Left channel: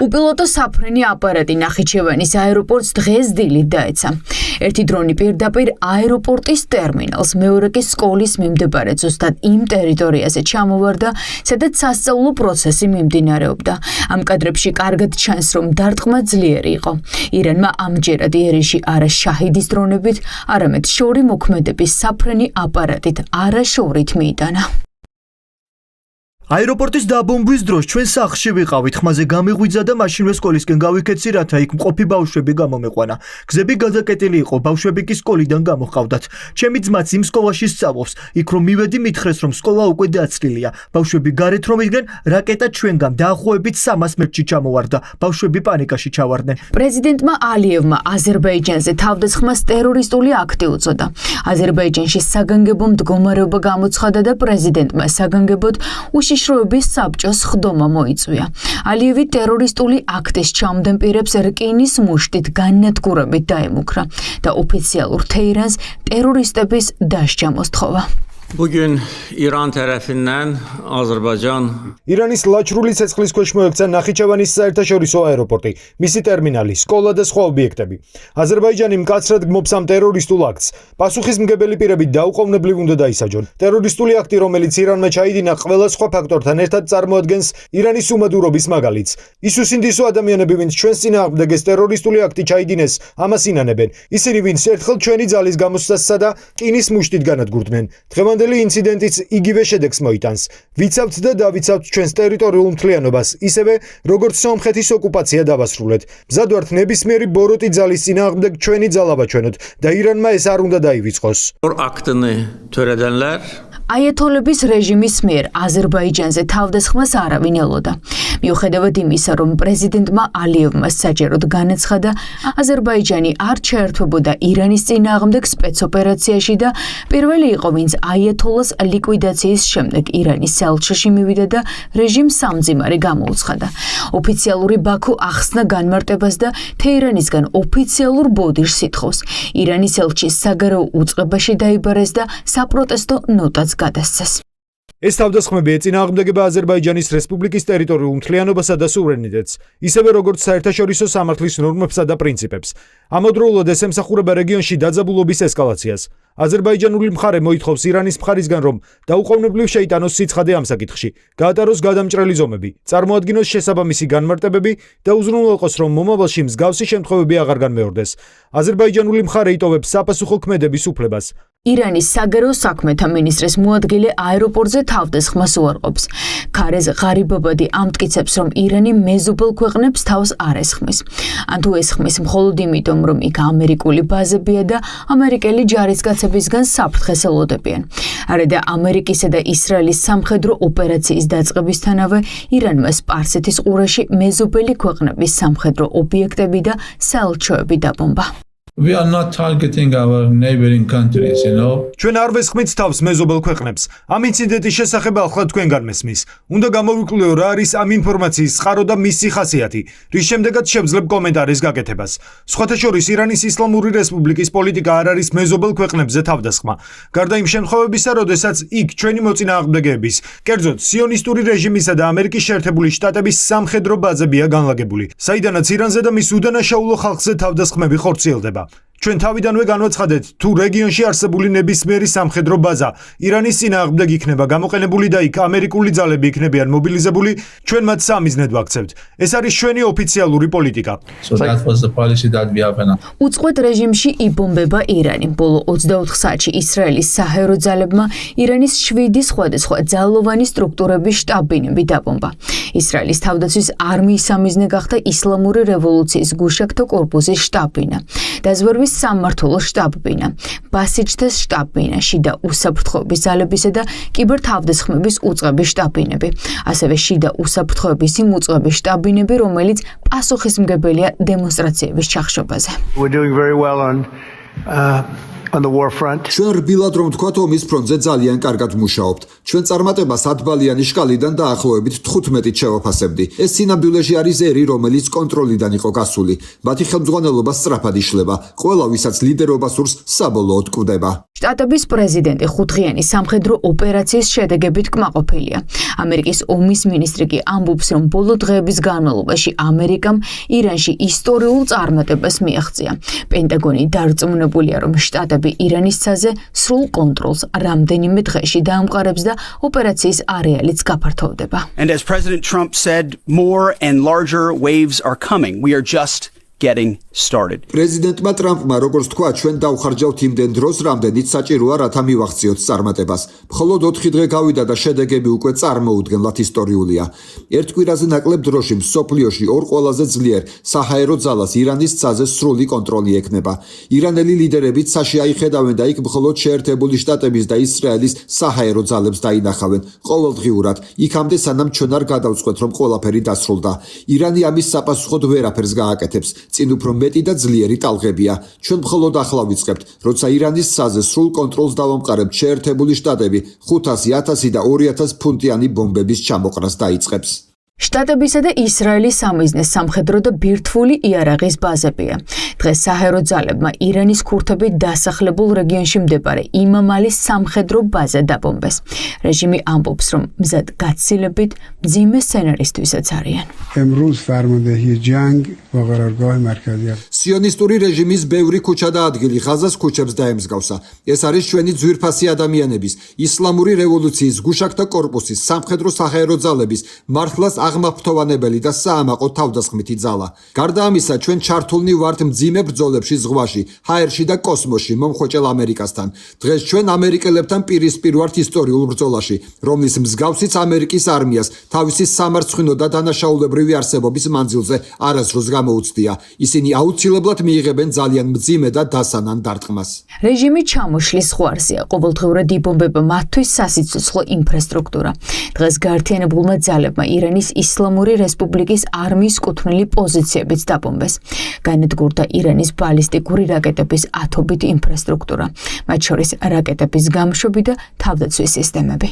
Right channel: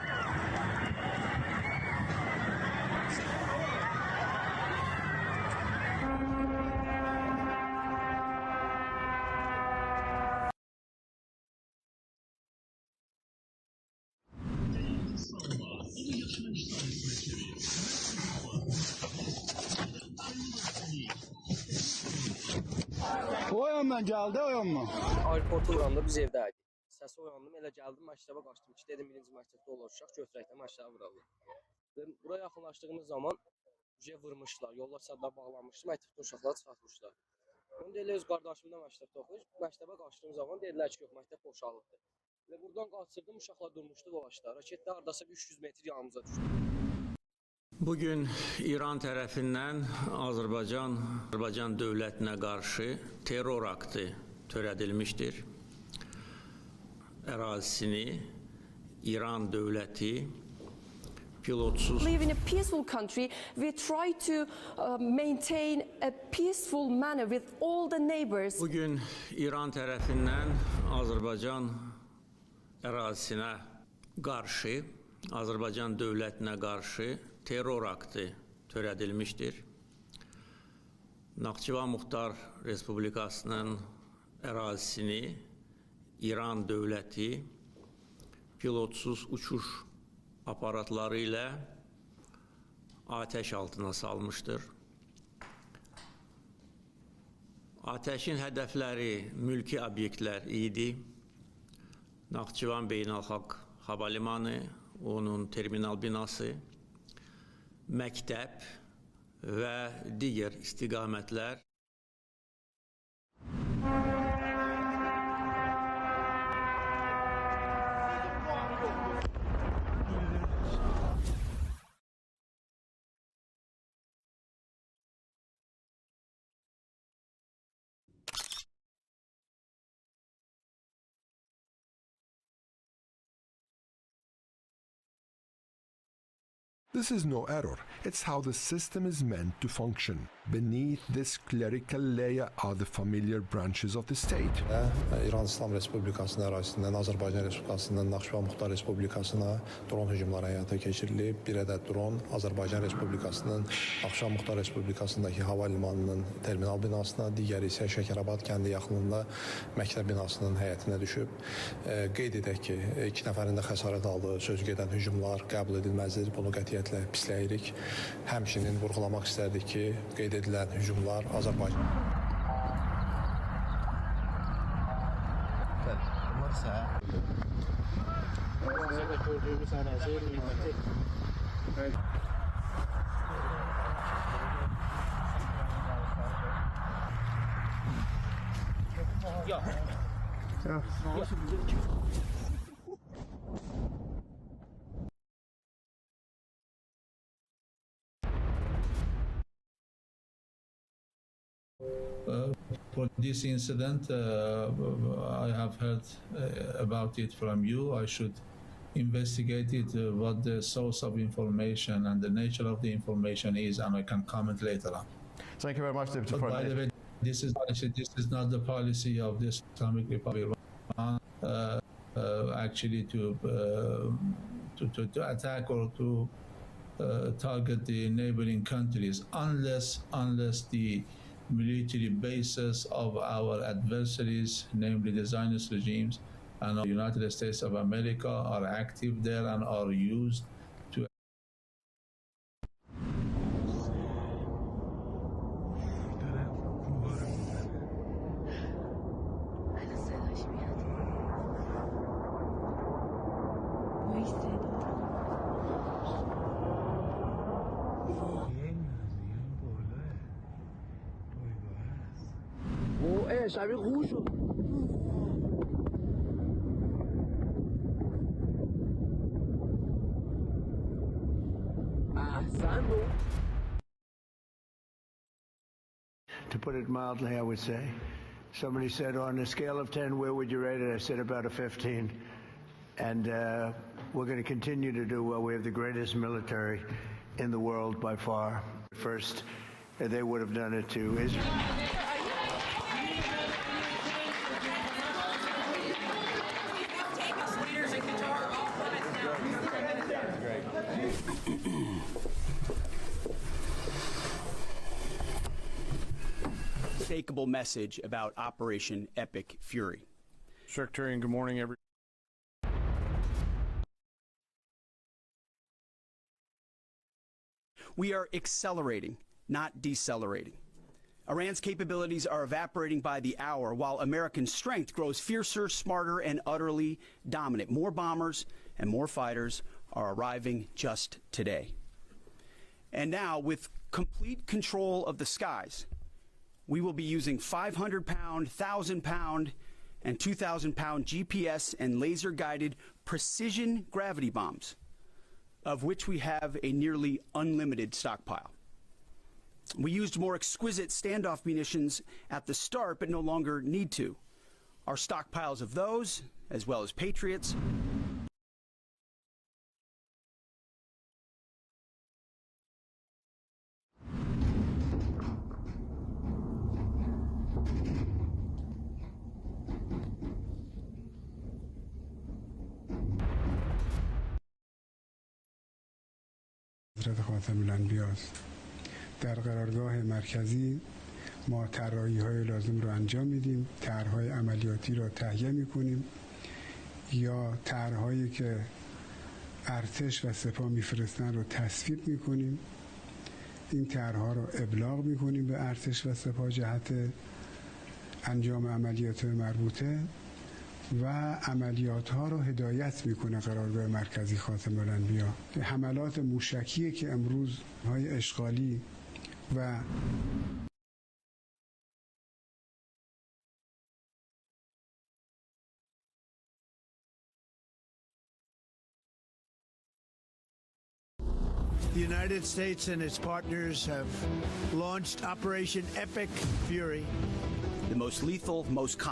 უპილოტო საფრენი აპარატი ნახიჩევანის აეროპორტს დღეს დილით დაეცა. ერთი დრონი პირდაპირ აეროპორტის ტერმინალს, მეორე კი სკოლის მიმდებარე ზუსტად იმ ტერიტორიაზე ჩამოვარდა, სადაც სასწავლო პროცესი მიმდინარეობდა. ამ კადრებში კარგად ჩანს, რომ დარტყმა ძლიერი იყო. ირანმა ამჯერად იერიში არა შაჰიდის დრონებით, არამედ შორი მოქმედების საფრენი აპარატით არაშორით მიიტანა. აეროპორტის დაბომბვის დროს ჩვენ სახლში ვიყავით, ხმაზე გამიღვიძა და მაშინვე სკოლისკენ გავიქეცი, რათა იქ მყოფი ბავშვები გამომეყვანა. გზები გადაკეტილი იყო, ბავშვები კი სკოლიდან გამოჰყავდათ. ჩემი ძმაც იმ სკოლაში სწავლობს. იქ რომ მივედი, მითხრეს, რომ სკოლა უკვე დაცლილია. ბავშვები გარეთ რომ იდგნენ, რაკეტა ჩვენგან დაახლოებით 300 მეტრში ჩამოვარდა. ბავშვები პანიკაში ჩავარდნენ. პრეზიდენტმა ალიევმა აზერბაიჯანზე თავდასხმას ტერორისტული აქტი უწოდა. აზერბაიჯანში საგანგებო მდგომარეობა გამოცხადა და პრეზიდენტმა საგანგებოდ უშიშროების საბჭოს ხდომა მოიწვია. ალიევი ტერორისტული აქტის ჩამდენ პირებს რკინის მუშტით განადგურებით დაემუქრა და ოფიციალურ თეირანს ტერორისტების დასჯა მოსთხოვა. Bugün İran tərəfindən Azərbaycan ირანის ლაჩრული ცეცხლის ქვეშ მოექცა ნახიჩევანის საერთაშორისო აეროპორტი, მისი ტერმინალი, სკოლა და სხვა ობიექტები. აზერბაიჯანი მკაცრად გმობს ამ ტერორისტულ აქტს. პასუხისმგებელი პირები დაუყოვნებლივ უნდა დაისაჯონ. ტერორისტული აქტი, რომელიც ირანმა ჩაიდინა, ყველა სხვა ფაქტორთან ერთად წარმოადგენს ირანის უმადურობის მაგალითს. ის უსინდისო ადამიანები, ვინც ჩვენს წინააღმდეგეს ტერორისტული აქტი ჩაიდინეს, ამას ინანებენ. ისინი, ვინც ერთხელ ჩვენი ძალის გამოსვლასა და რკინის მუშტით განადგურდნენ. დღევანდელი ინციდენტიც იგივე შედეგს მოიტანს. ვიცავთ და დავიცავთ ჩვენს ტერიტორიულ მთლიანობას, ისევე როგორც სომხეთის ოკუპაცია დავასრულეთ. მზად ვართ ნებისმიერი ბოროტი ძალის წინააღმდეგ ჩვენი ძალა ვაჩვენოთ და ირანმა ეს არ უნდა დაივიწყოს. aktını törədənlər აიათოლების რეჟიმის მიერ აზერბაიჯანზე თავდასხმას არავინ ელოდა. მიუხედავად იმისა, რომ პრეზიდენტმა ალიევმა საჯაროდ განაცხადა, აზერბაიჯანი არ ჩაერთვებოდა ირანის წინააღმდეგ სპეცოპერაციაში და პირველი იყო, ვინც აიათოლას ლიკვიდაციის შემდეგ ირანის ელჩში მივიდა და რეჟიმს სამძიმარი გამოუცხადა. ოფიციალური ბაქო ახსნა განმარტებას და თეირანისგან ოფიციალურ ბოდიშს ითხოვს. ირანის ელჩის საგარეო უწყებაში დაიბარეს და საპროტესტო ნოტაც გადასცეს. ეს თავდასხმები ეწინააღმდეგება აზერბაიჯანის რესპუბლიკის ტერიტორიულ მთლიანობასა და სუვერენიტეტს, ისევე როგორც საერთაშორისო სამართლის ნორმებსა და პრინციპებს. ამავდროულად ეს ემსახურება რეგიონში დაძაბულობის ესკალაციას. აზერბაიჯანული მხარე მოითხოვს ირანის მხარისგან, რომ დაუყოვნებლივ შეიტანოს სიცხადე ამ საკითხში, გაატაროს გადამჭრელი ზომები, წარმოადგინოს შესაბამისი განმარტებები და უზრუნველყოს, რომ მომავალში მსგავსი შემთხვევები აღარ განმეორდეს. აზერბაიჯანული მხარე იტოვებს საპასუხო ქმედების უფლებას. ირანის საგარეო საქმეთა მინისტრის მოადგილე აეროპორტზე თავდასხმას უარყოფს. ქარეზ ღარიბაბადი ამტკიცებს, რომ ირანი მეზობელ ქვეყნებს თავს არ ესხმის. ან თუ ესხმის მხოლოდ იმიტომ, რომ იქ ამერიკული ბაზებია და ამერიკელი ჯარისკაცებისგან საფრთხეს ელოდებიან. არა და ამერიკისა და ისრაელის სამხედრო ოპერაციის დაწყებისთანავე ირანმა სპარსეთის ყურეში მეზობელი ქვეყნების სამხედრო ობიექტები და საელჩოები დაბომბა. We are not targeting our neighboring countries, you know. ჩვენ არ ვესხმით თავს მეზობელ ქვეყნებს. ამ ინციდენტის შესახებ ახლა თქვენგან მესმის. უნდა გამოვიკვლიო რა არის ამ ინფორმაციის წყარო და მისი ხასიათი, რის შემდეგაც შევძლებ კომენტარის გაკეთებას. სხვათა შორის ირანის ისლამური რესპუბლიკის პოლიტიკა არ არის მეზობელ ქვეყნებზე თავდასხმა. გარდა იმ შემთხვევებისა, როდესაც იქ ჩვენი მოწინააღმდეგეების, კერძოდ სიონისტური რეჟიმისა და ამერიკის შეერთებული შტატების სამხედრო ბაზებია განლაგებული, საიდანაც ირანზე და მის უდანაშაულო ხალხზე თავდასხმები ხორციელდება. ჩვენ თავიდანვე განვაცხადეთ, თუ რეგიონში არსებული ნებისმიერი სამხედრო ბაზა ირანის წინააღმდეგ იქნება გამოყენებული და იქ ამერიკული ძალები იქნებიან მობილიზებული, ჩვენ მათ სამიზნედ ვაქცევთ. ეს არის ჩვენი ოფიციალური პოლიტიკა. So that was the policy that we have now. უწყვეტ რეჟიმში იბომბება ირანი. ბოლო 24 საათში ისრაელის საჰაერო ძალებმა ირანის 7 სხვადასხვა ძალოვანი სტრუქტურების შტაბ-ბინები დაბომბა. ისრაელის თავდაცვის არმიის სამიზნე გახდა ისლამური რევოლუციის გუშაგთა კორპუსის შტაბ-ბინა. დაზვერვის სამმართველო შტაბ-ბინა, ბასიჯთეს შტაბ-ბინა, შიდა უსაფრთხოების ძალებისა და კიბერთავდასხმების უწყების შტაბ-ბინები, ასევე შიდა უსაფრთხოების იმ უწყების შტაბ-ბინები, რომელიც პასუხისმგებელია დემონსტრაციების ჩახშობაზე. on the war front. ჩვენ რბილად რომ ვთქვათ, ომის ფრონტზე ძალიან კარგად ვმუშაობთ. ჩვენ წარმატებას 10 ბალიანი შკალიდან დაახლოებით 15-ით შევაფასებდი. ეს სინამდვილეში არის ერი, რომელიც კონტროლიდან იყო გასული. მათი ხელმძღვანელობა სწრაფად იშლება. ყველა, ვისაც ლიდერობა სურს, საბოლოოდ კვდება. შტატების პრეზიდენტი ხუთღიანი სამხედრო ოპერაციის შედეგებით კმაყოფილია. ამერიკის ომის მინისტრი კი ამბობს, რომ ბოლო დღეების განმავლობაში ამერიკამ ირანში ისტორიულ წარმატებას მიაღწია. პენტაგონი დარწმუნებულია, რომ შტატები ირანის ცაზე სრულ კონტროლს რამდენიმე დღეში დაამყარებს და ოპერაციის არეალიც გაფართოვდება. And as President Trump said, more and larger waves are coming. We are just getting started. პრეზიდენტმა ტრამპმა როგორც თქვა, ჩვენ დავხარჯავთ იმდენ დროს, რამდენიც საჭიროა, რათა მივახციოთ წარმატებას. მხოლოდ 4 დღე გავიდა და შედეგები უკვე წარმოუდგენლად ისტორიულია. ერთ კვირაზე ნაკლებ დროში მსოფლიოში ორ ყველაზე ძლიერ საჰაერო ძალას ირანის ცაზე სრული კონტროლი ექნება. ირანელი ლიდერები ცაში აიხედავენ და იქ მხოლოდ შეერთებული შტატების და ისრაელის საჰაერო ძალებს დაინახავენ ყოველდღიურად. იქამდე სანამ ჩვენ არ გადავწყვეტ, რომ ყველაფერი დასრულდა. ირანი ამის საპასუხოდ ვერაფერს გააკეთებს. წინ უფრო მეტი და ძლიერი ტალღებია. ჩვენ მხოლოდ ახლა ვიწყებთ, როცა ირანის ცაზე სრულ კონტროლს დავამყარებთ, შეერთებული შტატები 500, 1000 და 2000 ფუნტიანი ბომბების ჩამოყრას დაიწყებს. შტატებისა და ისრაელის სამიზნეს სამხედრო და ბირთვული იარაღის ბაზებია. დღეს საჰაერო ძალებმა ირანის ქურთები დასახლებულ რეგიონში მდებარე იმამალის სამხედრო ბაზა დაბომბეს. რეჟიმი ამბობს, რომ მზად გაცილებით მძიმე სცენარისთვისაც არიან. امروز فرماندهی جنگ با قرارگاه مرکزی სიონისტური რეჟიმის ბევრი ქუჩა და ადგილი ღაზას ქუჩებს დაემსგავსა. ეს არის ჩვენი ძვირფასი ადამიანების, ისლამური რევოლუციის გუშაკთა კორპუსის, სამხედრო საჰაერო ძალების, მართლაც აღმაფრთოვანებელი და საამაყო თავდასხმითი ძალა. გარდა ამისა, ჩვენ ჩართულნი ვართ მძიმე ბრძოლებში ზღვაში, ჰაერში და კოსმოსში მომხოჭელ ამერიკასთან. დღეს ჩვენ ამერიკელებთან პირისპირ ვართ ისტორიულ ბრძოლაში, რომლის მსგავსიც ამერიკის არმიას თავისი სამარცხვინო და დანაშაულებრივი არსებობის მანძილზე არასდროს გამოუცდია. ისინი აუცილებლად მიიღებენ ძალიან მძიმე და დასანან დარტყმას. რეჟიმი ჩამოშლის ზღვარზეა, ყოველდღიურად იბომბება მათთვის სასიცოცხლო ინფრასტრუქტურა. დღეს გაერთიანებულმა ძალებმა ირანის ისლამური რესპუბლიკის არმიის კუთვნილი პოზიციებიც დაბომბეს. განადგურდა ირანის ბალისტიკური რაკეტების ათობით ინფრასტრუქტურა, მათ შორის რაკეტების გამშვები და თავდაცვის სისტემები.